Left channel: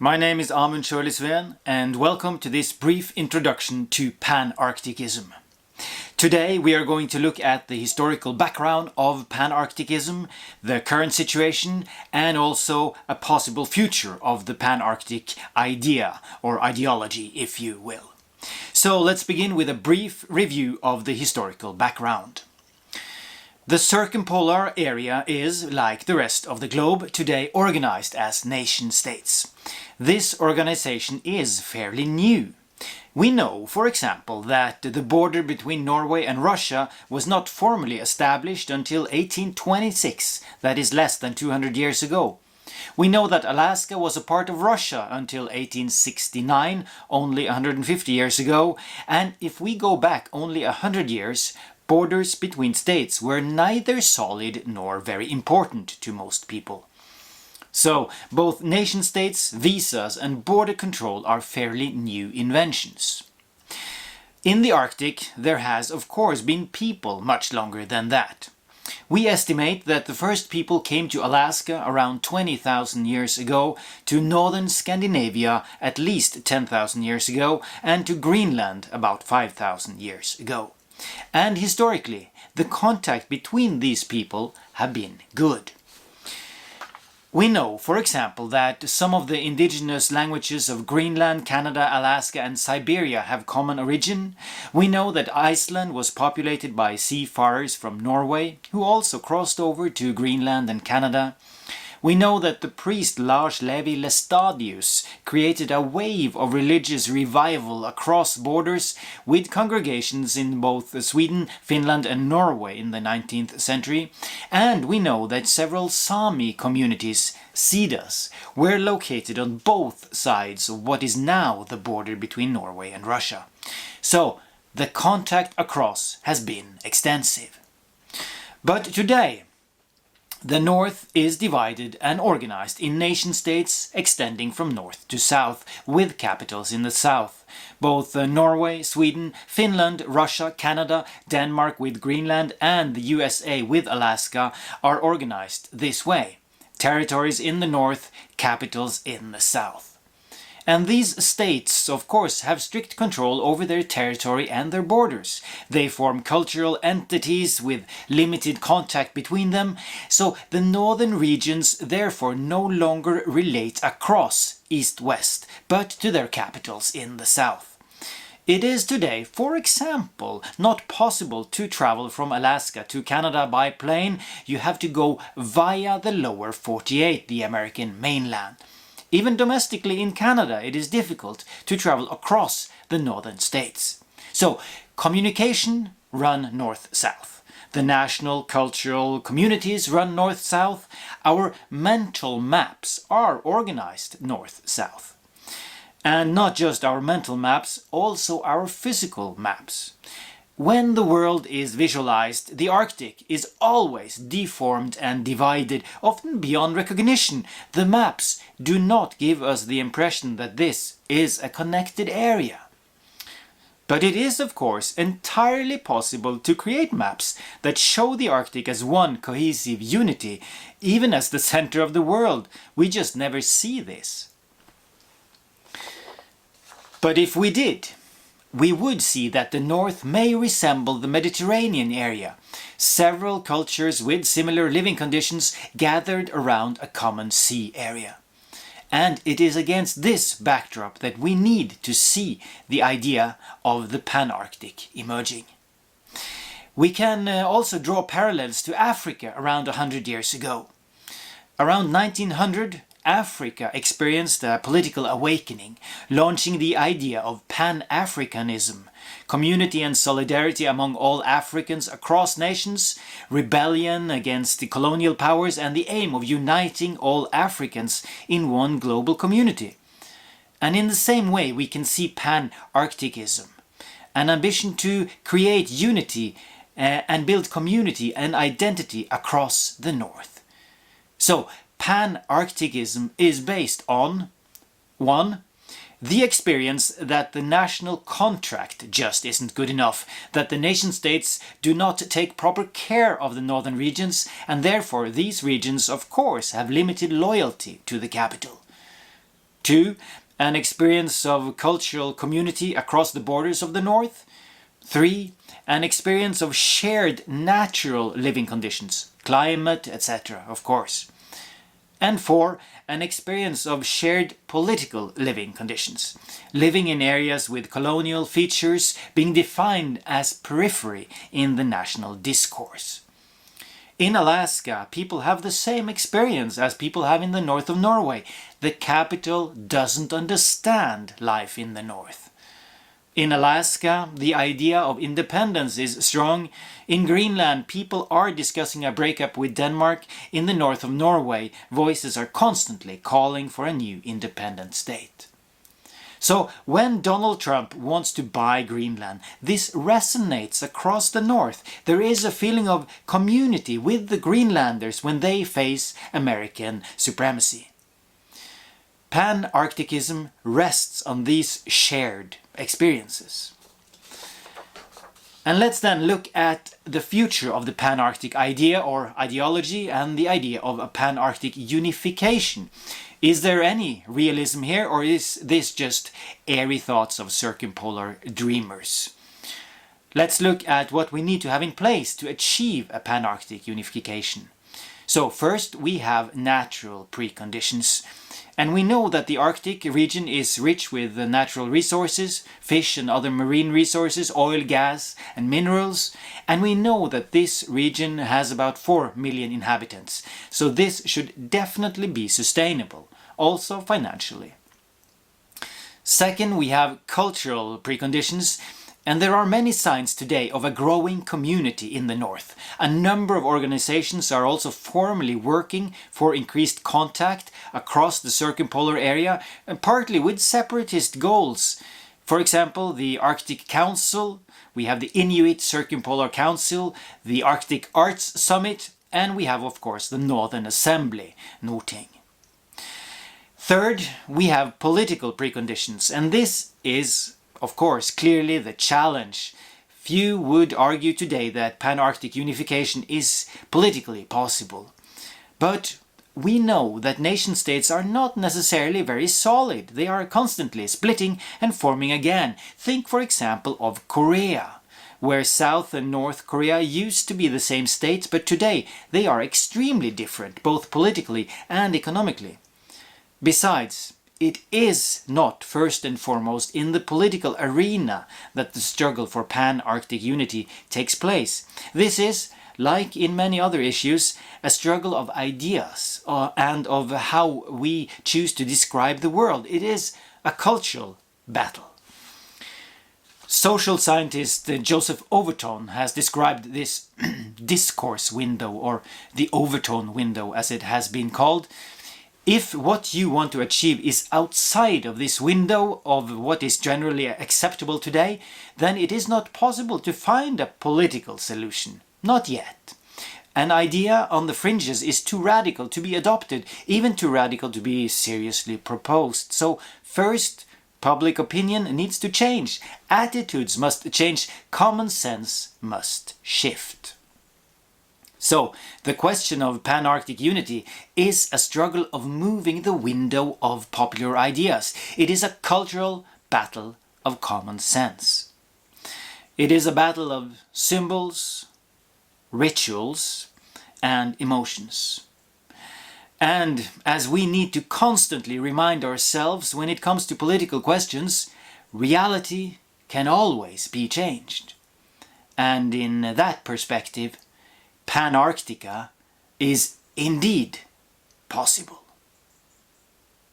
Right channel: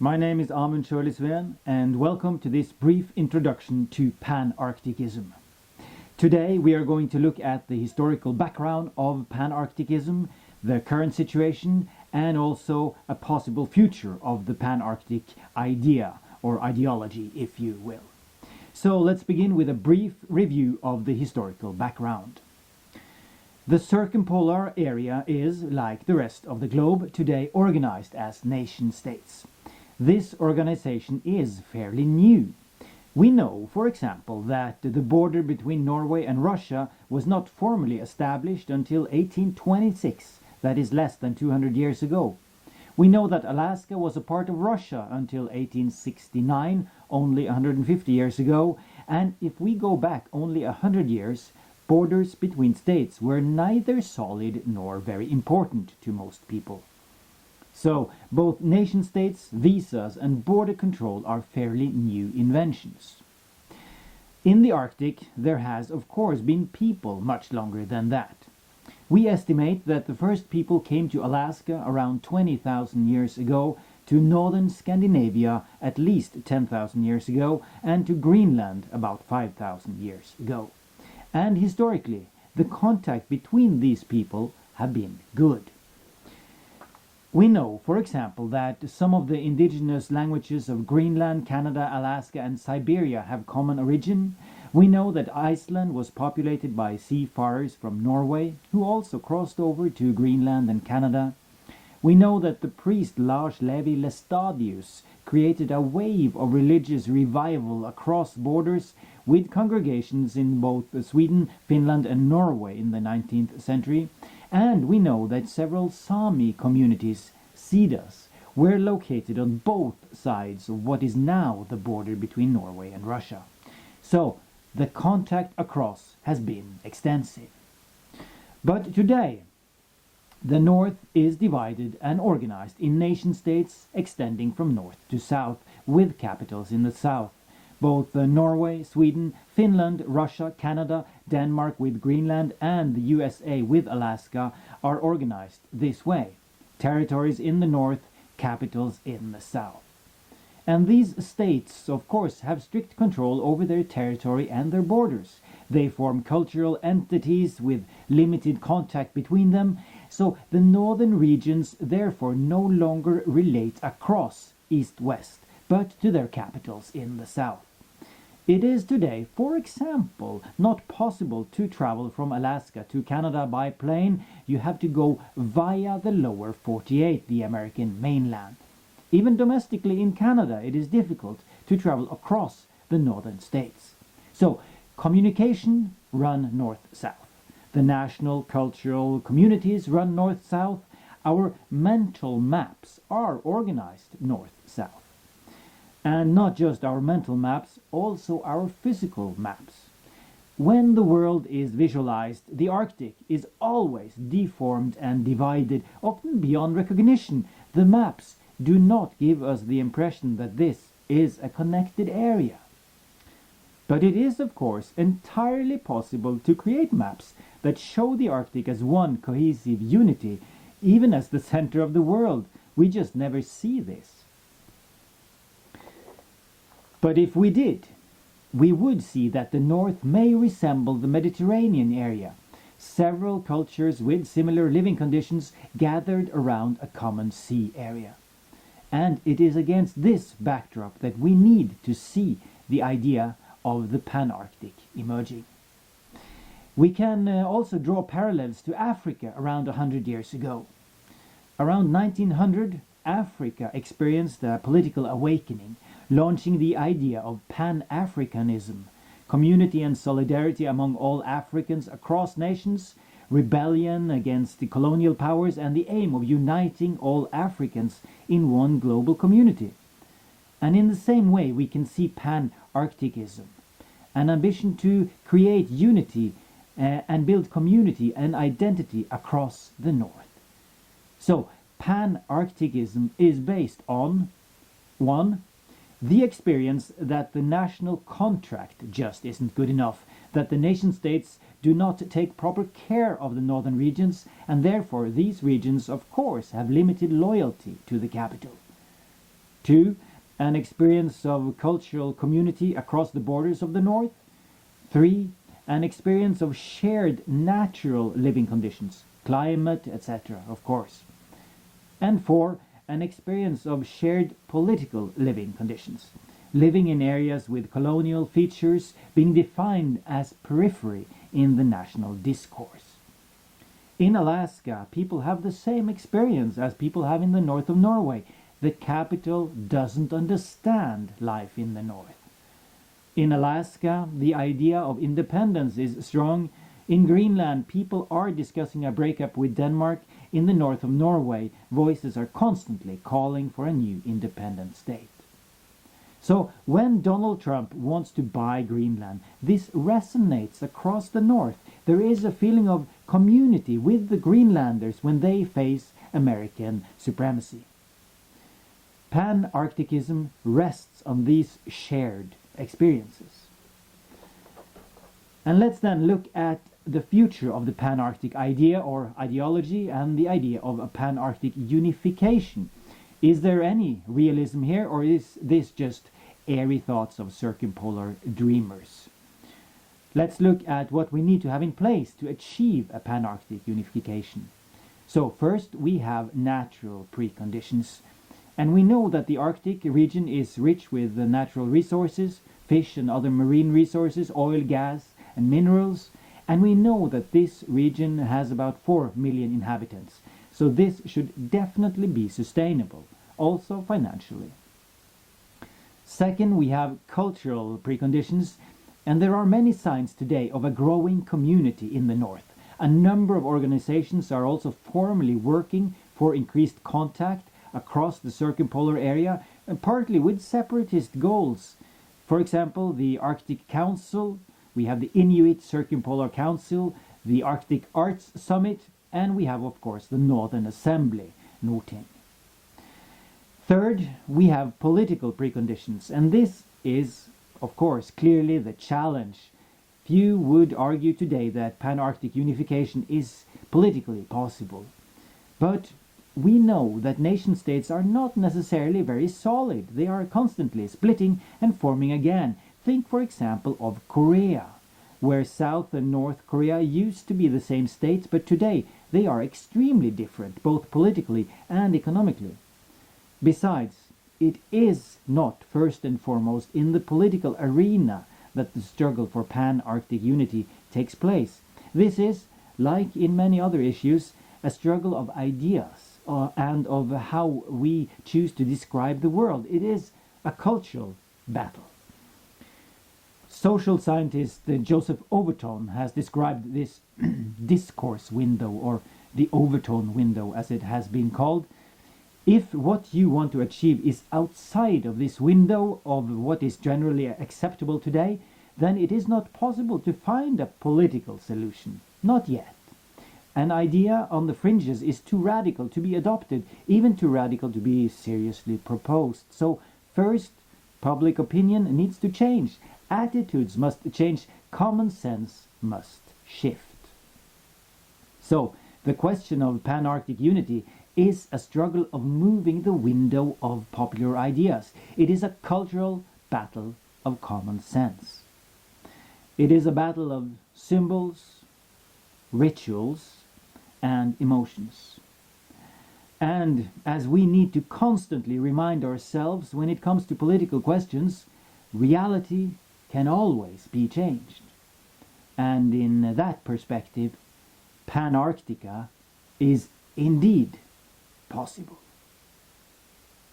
My name is Amund Sjølie Sveen, and welcome to this brief introduction to Pan-Arcticism. Today we are going to look at the historical background of Pan-Arcticism, the current situation, and also a possible future of the Pan-Arctic idea, or ideology, if you will. So let's begin with a brief review of the historical background. The circumpolar area is, like the rest of the globe, today organized as nation-states. This organization is fairly new. We know, for example, that the border between Norway and Russia was not formally established until 1826, that is less than 200 years ago. We know that Alaska was a part of Russia until 1869, only 150 years ago, and if we go back only 100 years, borders between states were neither solid nor very important to most people. So, both nation-states, visas and border control are fairly new inventions. In the Arctic, there has of course been people much longer than that. We estimate that the first people came to Alaska around 20,000 years ago, to northern Scandinavia at least 10,000 years ago, and to Greenland about 5,000 years ago. And historically, the contact between these people have been good. We know, for example, that some of the indigenous languages of Greenland, Canada, Alaska and Siberia have common origin. We know that Iceland was populated by seafarers from Norway, who also crossed over to Greenland and Canada. We know that the priest Lars Levi Lestadius created a wave of religious revival across borders, with congregations in both Sweden, Finland and Norway in the 19th century. And we know that several Sami communities, Sidas, were located on both sides of what is now the border between Norway and Russia. So, the contact across has been extensive. But today, the North is divided and organized in nation-states extending from north to south, with capitals in the south. Both Norway, Sweden, Finland, Russia, Canada, Denmark with Greenland and the USA with Alaska are organized this way. Territories in the north, capitals in the south. And these states, of course, have strict control over their territory and their borders. They form cultural entities with limited contact between them, so the northern regions therefore no longer relate across east-west, but to their capitals in the south. It is today, for example, not possible to travel from Alaska to Canada by plane. You have to go via the lower 48, the American mainland. Even domestically in Canada, it is difficult to travel across the northern states. So, communication run north-south. The national cultural communities run north-south. Our mental maps are organized north-south. And not just our mental maps, also our physical maps. When the world is visualized, the Arctic is always deformed and divided, often beyond recognition. The maps do not give us the impression that this is a connected area. But it is, of course, entirely possible to create maps that show the Arctic as one cohesive unity, even as the center of the world. We just never see this. But if we did, we would see that the North may resemble the Mediterranean area. Several cultures with similar living conditions gathered around a common sea area. And it is against this backdrop that we need to see the idea of the Pan-Arctic emerging. We can also draw parallels to Africa around 100 years ago. Around 1900, Africa experienced a political awakening, launching the idea of Pan-Africanism, community and solidarity among all Africans across nations, rebellion against the colonial powers and the aim of uniting all Africans in one global community. And in the same way we can see Pan-Arcticism, an ambition to create unity and build community and identity across the North. So, Pan-Arcticism is based on 1. The experience that the national contract just isn't good enough, that the nation-states do not take proper care of the northern regions, and therefore these regions of course have limited loyalty to the capital. 2. An experience of cultural community across the borders of the North. 3. An experience of shared natural living conditions, climate, etc., of course. And 4. An experience of shared political living conditions, living in areas with colonial features being defined as periphery in the national discourse. In Alaska, people have the same experience as people have in the north of Norway. The capital doesn't understand life in the north. In Alaska, the idea of independence is strong. In Greenland, people are discussing a breakup with Denmark. In the north of Norway, voices are constantly calling for a new independent state. So when Donald Trump wants to buy Greenland, this resonates across the north. There is a feeling of community with the Greenlanders when they face American supremacy. Pan-Arcticism rests on these shared experiences. And let's then look at the future of the Pan-Arctic idea or ideology and the idea of a Pan-Arctic unification. Is there any realism here, or is this just airy thoughts of circumpolar dreamers? Let's look at what we need to have in place to achieve a Pan-Arctic unification. So first we have natural preconditions. And we know that the Arctic region is rich with natural resources, fish and other marine resources, oil, gas and minerals. And we know that this region has about 4 million inhabitants. So this should definitely be sustainable, also financially. Second, we have cultural preconditions. And there are many signs today of a growing community in the north. A number of organizations are also formally working for increased contact across the circumpolar area, and partly with separatist goals. For example, the Arctic Council, we have the Inuit Circumpolar Council, the Arctic Arts Summit, and we have, of course, the Northern Assembly, NORDTING. Third, we have political preconditions, and this is of course, clearly the challenge. Few would argue today that Pan-Arctic unification is politically possible. But we know that nation-states are not necessarily very solid. They are constantly splitting and forming again. Think, for example, of Korea, where South and North Korea used to be the same state, but today they are extremely different, both politically and economically. Besides, it is not first and foremost in the political arena that the struggle for Pan-Arctic unity takes place. This is, like in many other issues, a struggle of ideas and of how we choose to describe the world. It is a cultural battle. Social scientist Joseph Overton has described this discourse window, or the overtone window as it has been called. If what you want to achieve is outside of this window of what is generally acceptable today, then it is not possible to find a political solution. Not yet. An idea on the fringes is too radical to be adopted, even too radical to be seriously proposed. So first, public opinion needs to change. Attitudes must change. Common sense must shift. So, the question of Pan-Arctic unity is a struggle of moving the window of popular ideas. It is a cultural battle of common sense. It is a battle of symbols, rituals, and emotions. And as we need to constantly remind ourselves when it comes to political questions, reality can always be changed. And in that perspective, Pan-Arctica is indeed possible.